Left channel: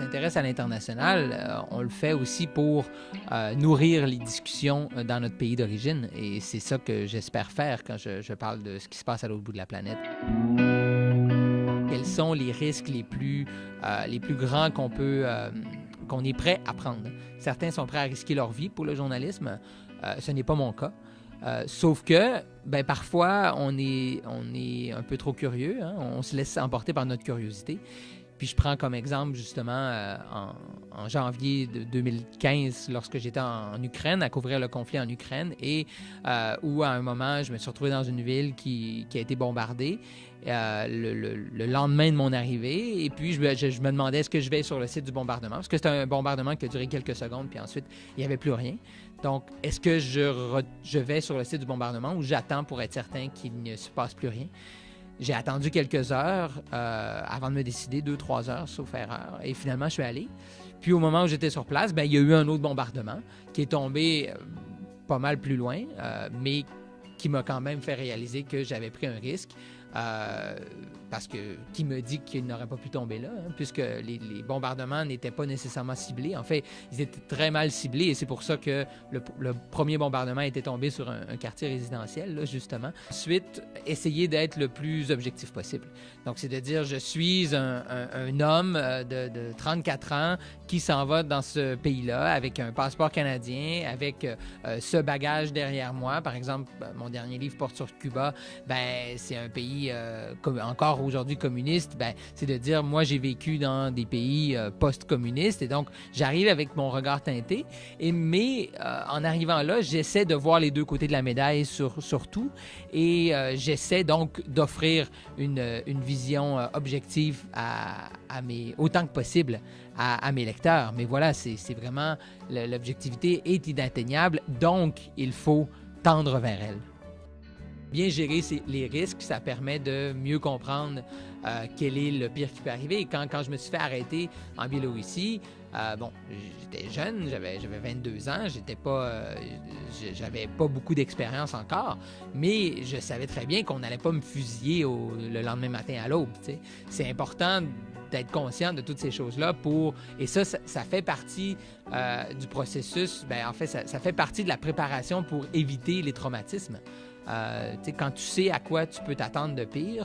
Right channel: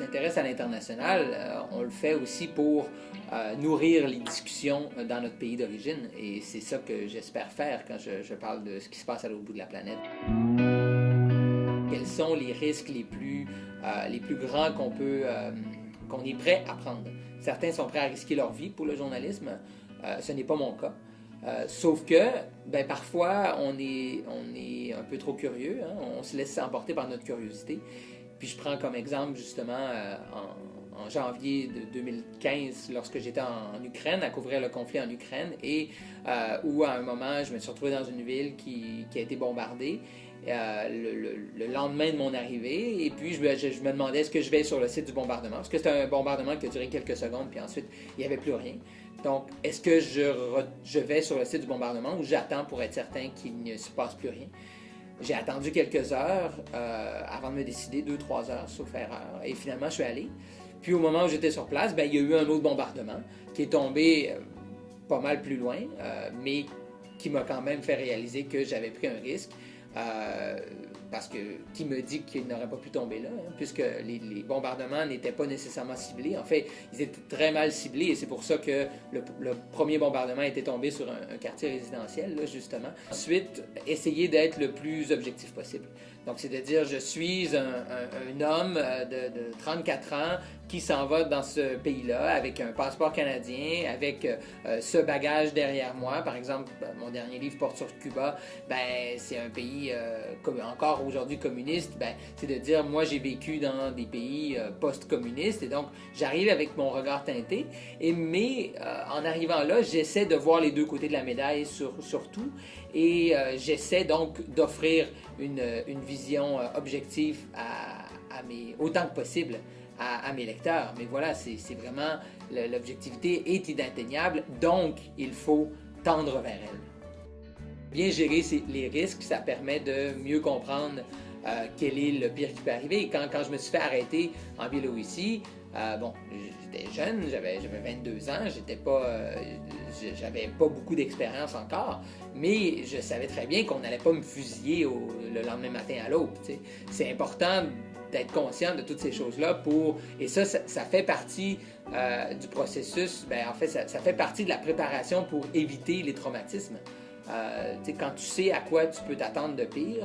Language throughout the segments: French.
s'intéresse à l'international, on le fait aussi pour nourrir les discussions dans notre pays d'origine. Et c'est ça que j'espère faire quand je parle de ce qui se passe à l'autre bout de la planète. Quels sont les risques les plus grands qu'on est prêt à prendre? Certains sont prêts à risquer leur vie pour le journalisme. Ce n'est pas mon cas. Sauf que, parfois, on est un peu trop curieux. Hein? On se laisse emporter par notre curiosité. Puis je prends comme exemple, justement, en janvier de 2015, lorsque j'étais en Ukraine, à couvrir le conflit en Ukraine, et où, à un moment, je me suis retrouvé dans une ville qui a été bombardée. Le lendemain de mon arrivée, et puis je me demandais est-ce que je vais sur le site du bombardement, parce que c'était un bombardement qui a duré quelques secondes, puis ensuite il n'y avait plus rien. Donc, est-ce que je vais sur le site du bombardement ou j'attends pour être certain qu'il ne se passe plus rien? J'ai attendu quelques heures avant de me décider, 2-3 heures, sauf erreur, et finalement je suis allé. Puis au moment où j'étais sur place, il y a eu un autre bombardement qui est tombé pas mal plus loin, mais qui m'a quand même fait réaliser que j'avais pris un risque. Parce que qui me dit qu'il n'aurait pas pu tomber là, hein, puisque les bombardements n'étaient pas nécessairement ciblés. En fait, ils étaient très mal ciblés et c'est pour ça que le premier bombardement était tombé sur un quartier résidentiel, là, justement. Ensuite, essayer d'être le plus objectif possible. Donc, c'est de dire, je suis un homme de 34 ans qui s'en va dans ce pays-là avec un passeport canadien, avec ce bagage derrière moi. Par exemple, mon dernier livre porte sur Cuba. C'est un pays encore aujourd'hui communiste. C'est de dire, moi, j'ai vécu dans des pays post-communistes et donc, j'arrive avec mon regard teinté. Mais en arrivant là, j'essaie de voir les deux côtés de la médaille surtout et j'essaie donc d'offrir une vision objective autant que possible à mes lecteurs. Mais voilà, c'est vraiment, l'objectivité est inatteignable, donc il faut tendre vers elle. Bien gérer les risques, ça permet de mieux comprendre quel est le pire qui peut arriver. Et quand je me suis fait arrêter en Biélorussie, j'étais jeune, j'avais 22 ans, j'avais pas beaucoup d'expérience encore, mais je savais très bien qu'on n'allait pas me fusiller le lendemain matin à l'aube. C'est important d'être conscient de toutes ces choses-là et ça fait partie du processus, en fait, ça fait partie de la préparation pour éviter les traumatismes. Quand tu sais à quoi tu peux t'attendre de pire,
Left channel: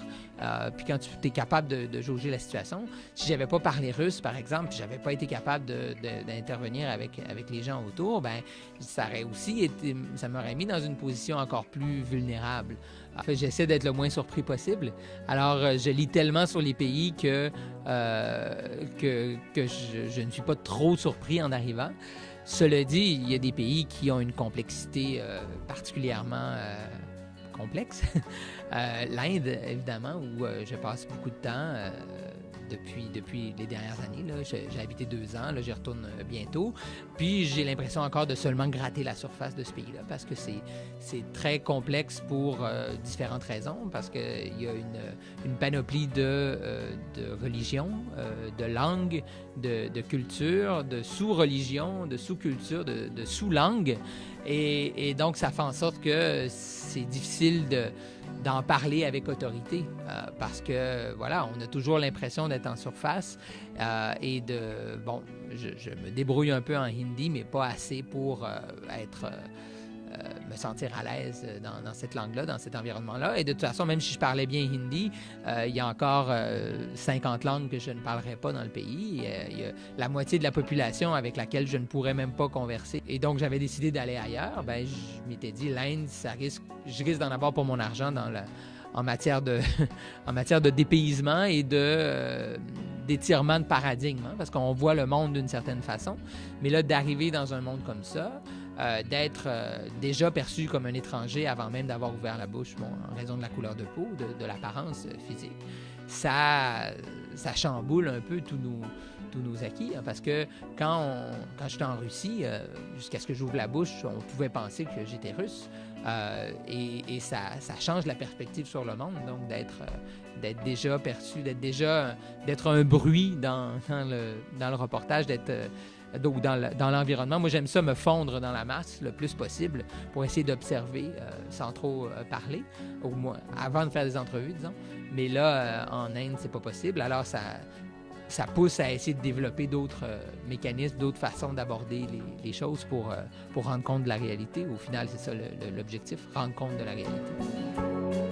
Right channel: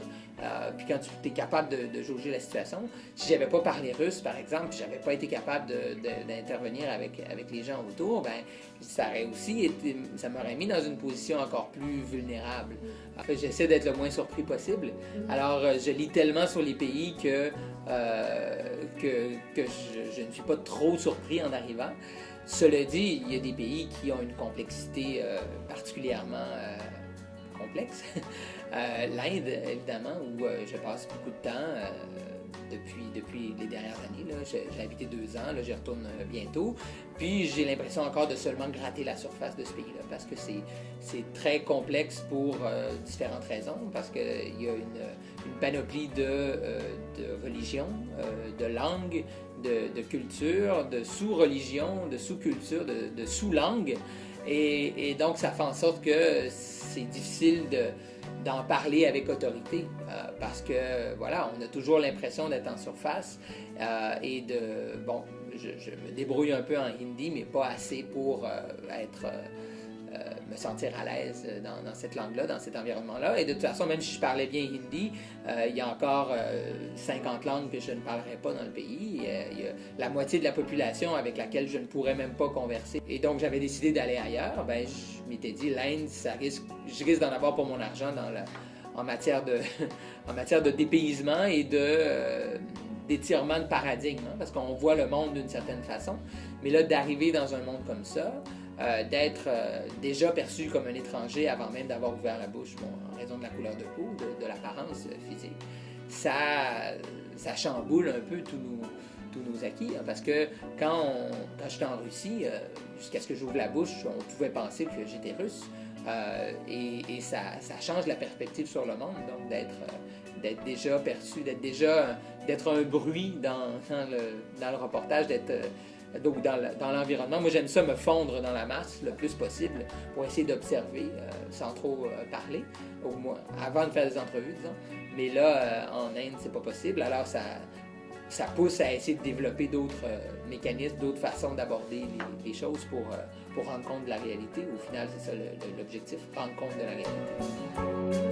puis quand tu es capable de jauger la situation. Si j'avais pas parlé russe, par exemple, puis j'avais pas été capable d'intervenir avec les gens autour, ça m'aurait mis dans une position encore plus vulnérable. En fait, j'essaie d'être le moins surpris possible. Alors, je lis tellement sur les pays que je ne suis pas trop surpris en arrivant. Cela dit, il y a des pays qui ont une complexité particulièrement complexe. L'Inde, évidemment, où je passe beaucoup de temps depuis les dernières années. Là. J'ai habité 2 ans, là, j'y retourne bientôt. Puis j'ai l'impression encore de seulement gratter la surface de ce pays-là parce que c'est très complexe pour différentes raisons, parce qu'il y a une panoplie de religions, de langues, de cultures, de sous-religions, de sous-cultures, de sous-langues. Et donc, ça fait en sorte que c'est difficile d'en parler avec autorité parce que, voilà, on a toujours l'impression d'être en surface et je me débrouille un peu en hindi, mais pas assez pour me sentir à l'aise dans cette langue-là, dans cet environnement-là. Et de toute façon, même si je parlais bien hindi, il y a encore 50 langues que je ne parlerai pas dans le pays. Il y a la moitié de la population avec laquelle je ne pourrais même pas converser. Et donc, j'avais décidé d'aller ailleurs. Je m'étais dit, l'Inde, je risque d'en avoir pour mon argent en matière de dépaysement et d'étirement de paradigme, hein, parce qu'on voit le monde d'une certaine façon. Mais là, d'arriver dans un monde comme ça, d'être déjà perçu comme un étranger avant même d'avoir ouvert la bouche en raison de la couleur de peau, de l'apparence physique, ça chamboule un peu tous nos acquis, hein, parce que quand j'étais en Russie, jusqu'à ce que j'ouvre la bouche, on pouvait penser que j'étais russe, et ça change la perspective sur le monde, donc d'être déjà perçu, d'être un bruit dans le reportage, dans l'environnement. Moi, j'aime ça me fondre dans la masse le plus possible pour essayer d'observer sans trop parler, au moins avant de faire des entrevues, disons. Mais là, en Inde, c'est pas possible. Alors, ça pousse à essayer de développer d'autres mécanismes, d'autres façons d'aborder les choses pour rendre compte de la réalité. Au final, c'est ça l'objectif, rendre compte de la réalité.